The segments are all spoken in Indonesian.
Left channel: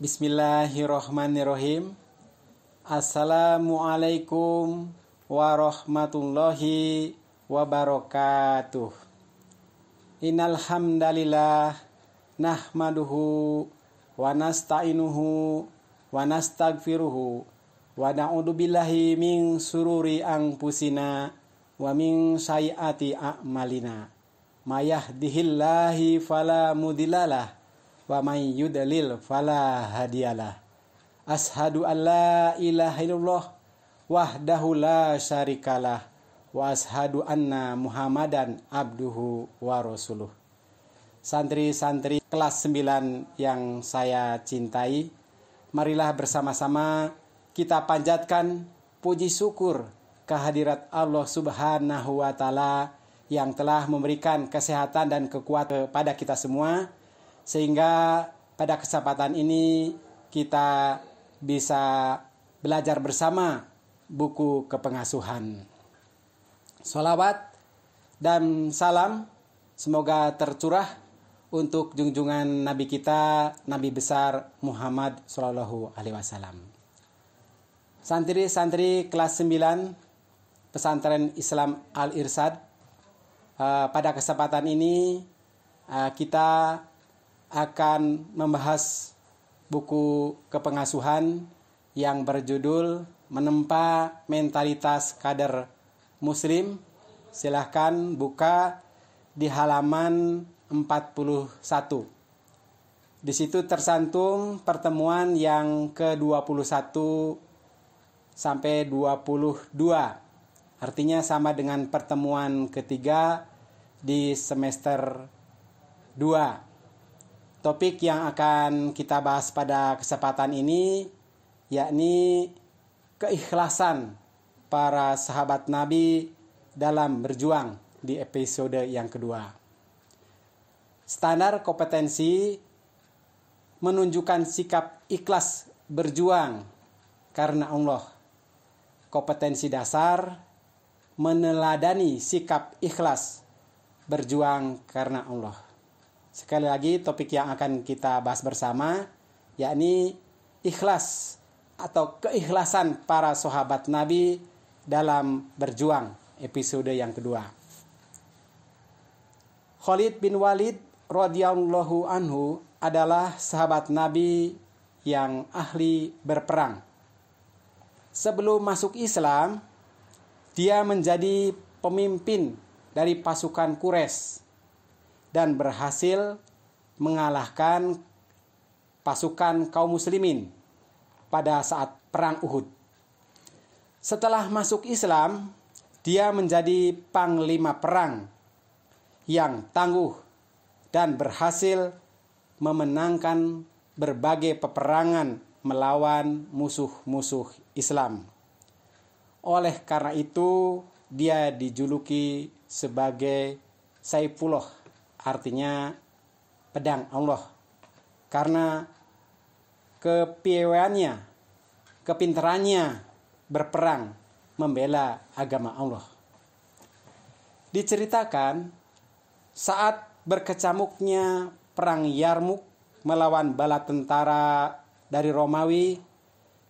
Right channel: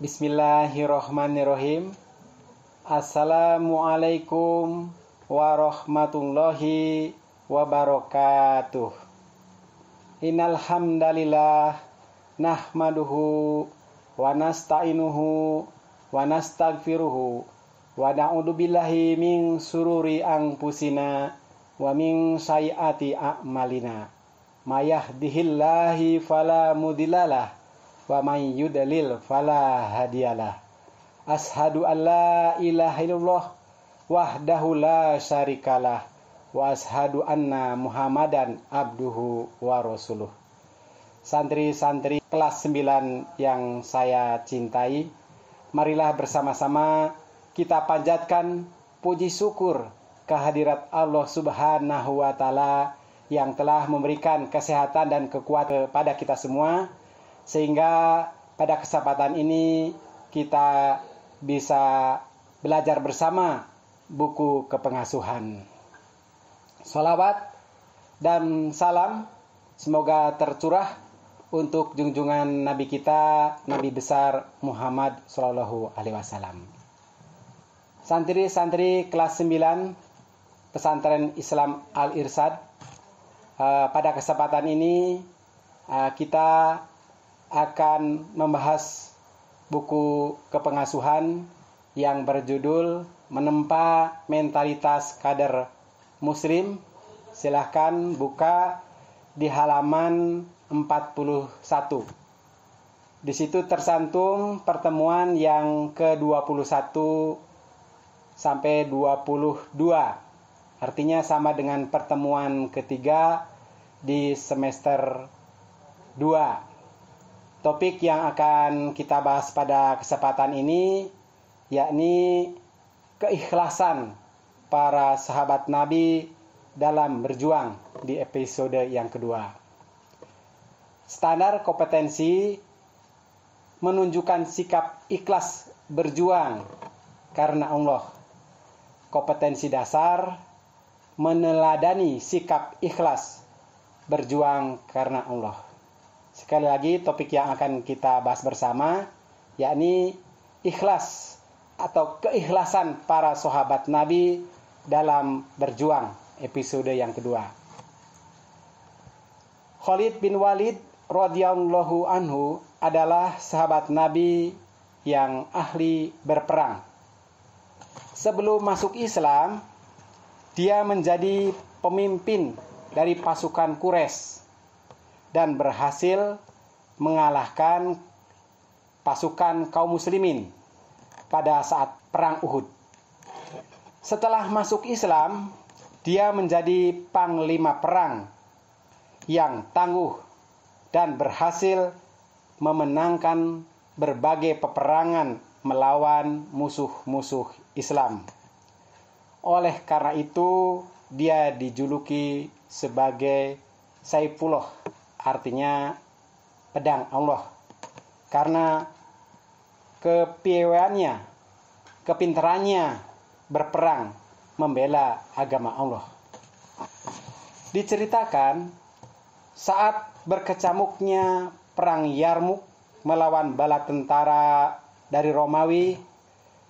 Bismillahirrohmanirrohim. Assalamualaikum warahmatullahi wabarakatuh. Innal hamdalillah nahmaduhu wa nasta'inuhu wa nastaghfiruhu wa na'udzu billahi min sururi anfusina wa min sayyiati a'malina. May yahdihillahu fala mudhillalah wa may yudlil fala hadiyalah. Ashhadu an la ilaha illallah wahdahu la syarikalah wa ashhadu anna Muhammadan abduhu wa rasuluh. Santri-santri kelas 9 yang saya cintai, marilah bersama-sama kita panjatkan puji syukur kehadirat Allah Subhanahu wa taala yang telah memberikan kesehatan dan kekuatan kepada kita semua, sehingga pada kesempatan ini kita bisa belajar bersama buku kepengasuhan. Sholawat dan salam semoga tercurah untuk junjungan Nabi kita, Nabi besar Muhammad Shallallahu Alaihi Wasallam. Santri-santri kelas 9 Pesantren Islam Al-Irsyad, pada kesempatan ini kita akan membahas buku kepengasuhan yang berjudul Menempa Mentalitas Kader Muslim. Silahkan buka di halaman 41. Di situ tersantum pertemuan yang ke-21 sampai 22. Artinya sama dengan pertemuan ketiga di semester 2. Topik yang akan kita bahas pada kesempatan ini yakni keikhlasan para sahabat Nabi dalam berjuang di episode yang kedua. Standar kompetensi menunjukkan sikap ikhlas berjuang karena Allah. Kompetensi dasar meneladani sikap ikhlas berjuang karena Allah. Sekali lagi, topik yang akan kita bahas bersama yakni ikhlas atau keikhlasan para sahabat Nabi dalam berjuang, episode yang kedua. Khalid bin Walid radhiyallahu anhu adalah sahabat Nabi yang ahli berperang. Sebelum masuk Islam, dia menjadi pemimpin dari pasukan Quraisy dan berhasil mengalahkan pasukan kaum muslimin pada saat perang Uhud. Setelah masuk Islam, dia menjadi panglima perang yang tangguh dan berhasil memenangkan berbagai peperangan melawan musuh-musuh Islam. Oleh karena itu, dia dijuluki sebagai Saifullah, artinya pedang Allah, karena kepiawaiannya, kepintarannya berperang membela agama Allah. Diceritakan saat berkecamuknya perang Yarmuk melawan bala tentara dari Romawi,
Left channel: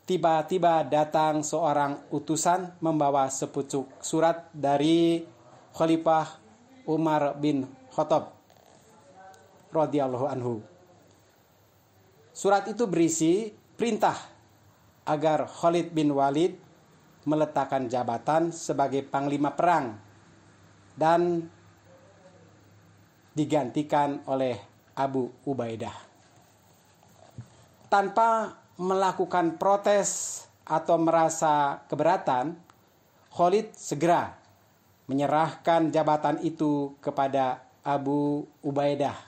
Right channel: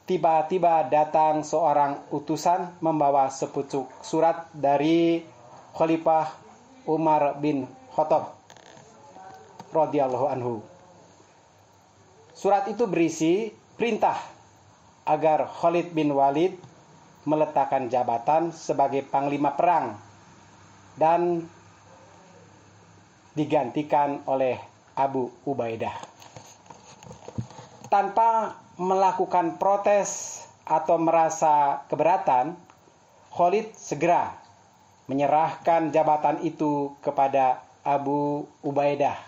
tiba-tiba datang seorang utusan membawa sepucuk surat dari Khalifah Umar bin Khattab radhiyallahu anhu. Surat itu berisi perintah agar Khalid bin Walid meletakkan jabatan sebagai panglima perang dan digantikan oleh Abu Ubaidah. Tanpa melakukan protes atau merasa keberatan, Khalid segera menyerahkan jabatan itu kepada Abu Ubaidah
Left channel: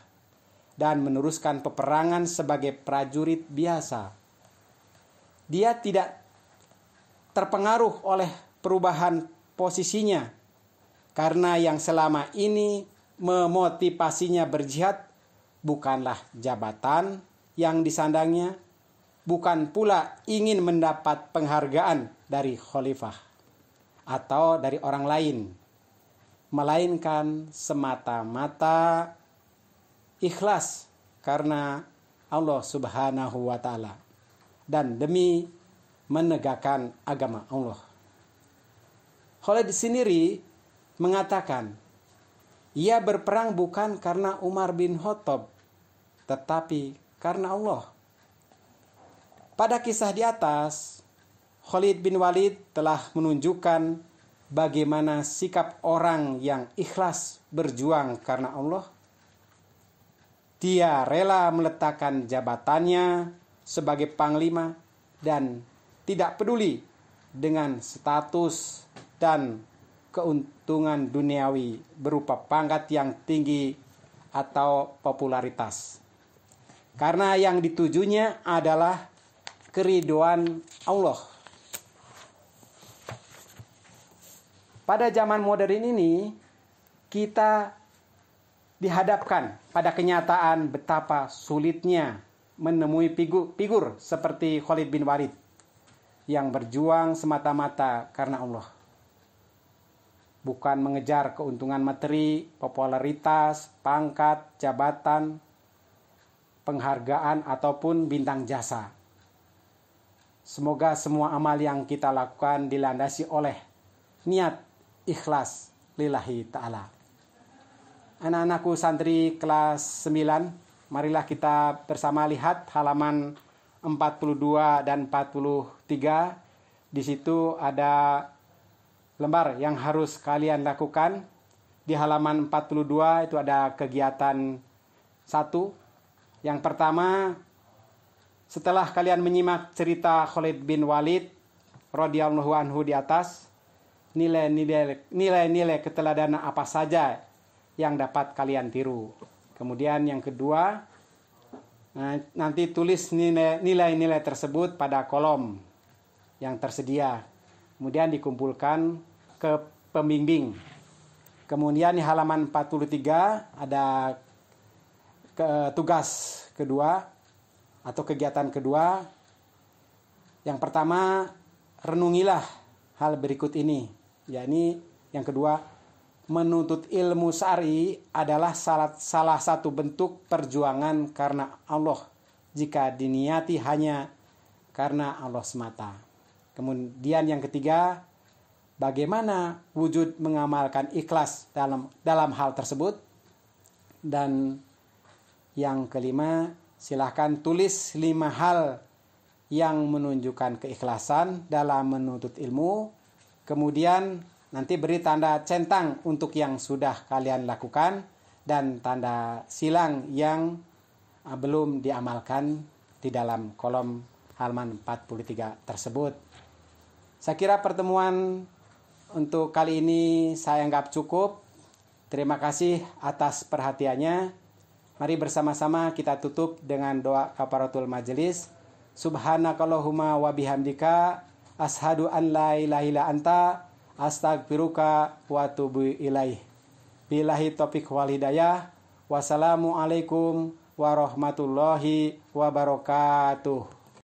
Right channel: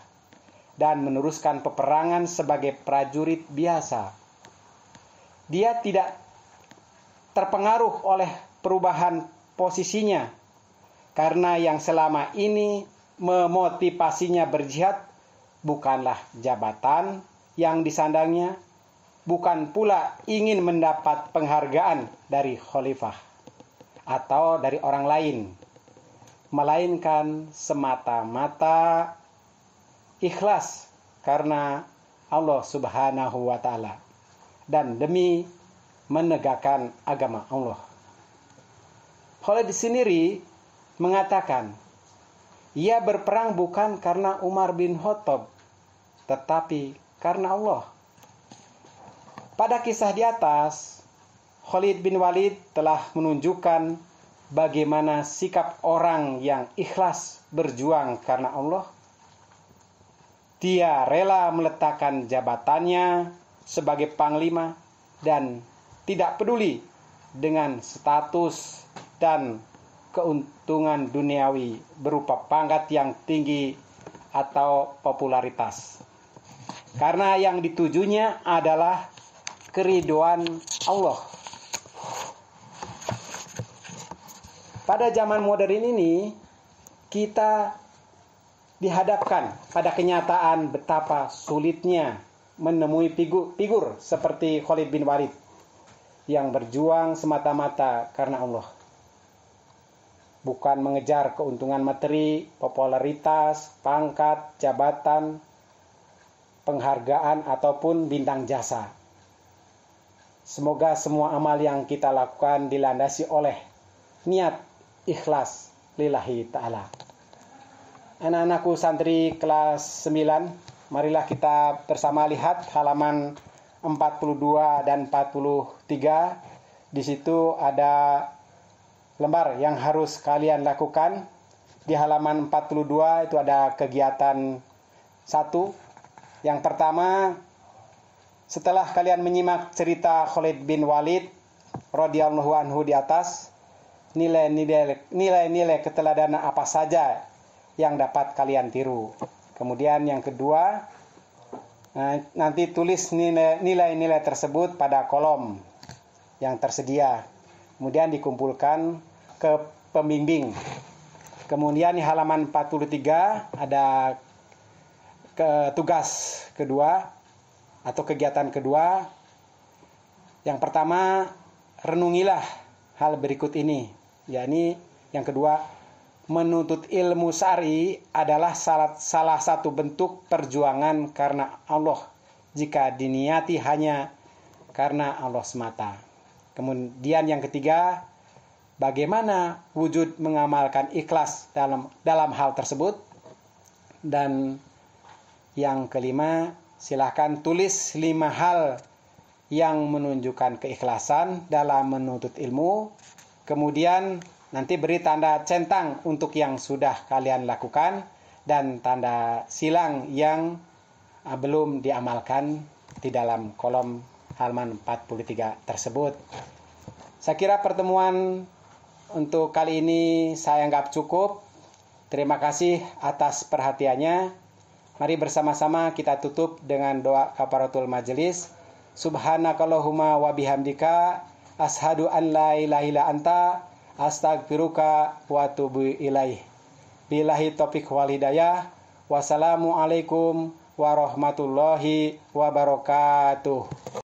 dan meneruskan peperangan sebagai prajurit biasa. Dia tidak terpengaruh oleh perubahan posisinya, karena yang selama ini memotivasinya berjihad bukanlah jabatan yang disandangnya, bukan pula ingin mendapat penghargaan dari khalifah. atau dari orang lain, melainkan semata-mata ikhlas karena Allah Subhanahu wa Ta'ala dan demi menegakkan agama Allah. Khalid sendiri mengatakan, ia berperang bukan karena Umar bin Khattab, tetapi karena Allah. Pada kisah di atas, Khalid bin Walid telah menunjukkan bagaimana sikap orang yang ikhlas berjuang karena Allah. Dia rela meletakkan jabatannya sebagai panglima dan tidak peduli dengan status dan keuntungan duniawi berupa pangkat yang tinggi atau popularitas. Karena yang ditujunya adalah keridhaan Allah. Pada zaman modern ini, kita dihadapkan pada kenyataan betapa sulitnya menemui figur seperti Khalid bin Walid yang berjuang semata-mata karena Allah. Bukan mengejar keuntungan materi, popularitas, pangkat, jabatan, penghargaan, ataupun bintang jasa. Semoga semua amal yang kita lakukan dilandasi oleh niat ikhlas lillahi ta'ala. Anak-anakku santri kelas 9, marilah kita bersama lihat halaman 42 dan 43. Di situ ada lembar yang harus kalian lakukan. Di halaman 42 itu ada kegiatan 1. Yang pertama, setelah kalian menyimak cerita Khalid bin Walid radhiyallahu anhu di atas, nilai-nilai keteladanan apa saja yang dapat kalian tiru. Kemudian yang kedua, nanti tulis nilai-nilai tersebut pada kolom yang tersedia. Kemudian dikumpulkan ke pembimbing. Kemudian di halaman 43 ada tugas kedua atau kegiatan kedua. Yang pertama, renungilah hal berikut ini. Yakni yang kedua, menuntut ilmu syar'i adalah salah satu bentuk perjuangan karena Allah jika diniati hanya karena Allah semata. Kemudian yang ketiga, bagaimana wujud mengamalkan ikhlas dalam hal tersebut. Dan yang kelima, silahkan tulis 5 hal yang menunjukkan keikhlasan dalam menuntut ilmu. Kemudian nanti beri tanda centang untuk yang sudah kalian lakukan dan tanda silang yang belum diamalkan di dalam kolom halaman 43 tersebut. Saya kira pertemuan untuk kali ini saya anggap cukup. Terima kasih atas perhatiannya. Mari bersama-sama kita tutup dengan doa kafaratul majelis. Subhanakallahumma wa bihamdika ashadu an la ilaha illa anta astagfiruka wa atubu ilaih. Billahi taufiq wal hidayah. Wassalamualaikum warahmatullahi wabarakatuh.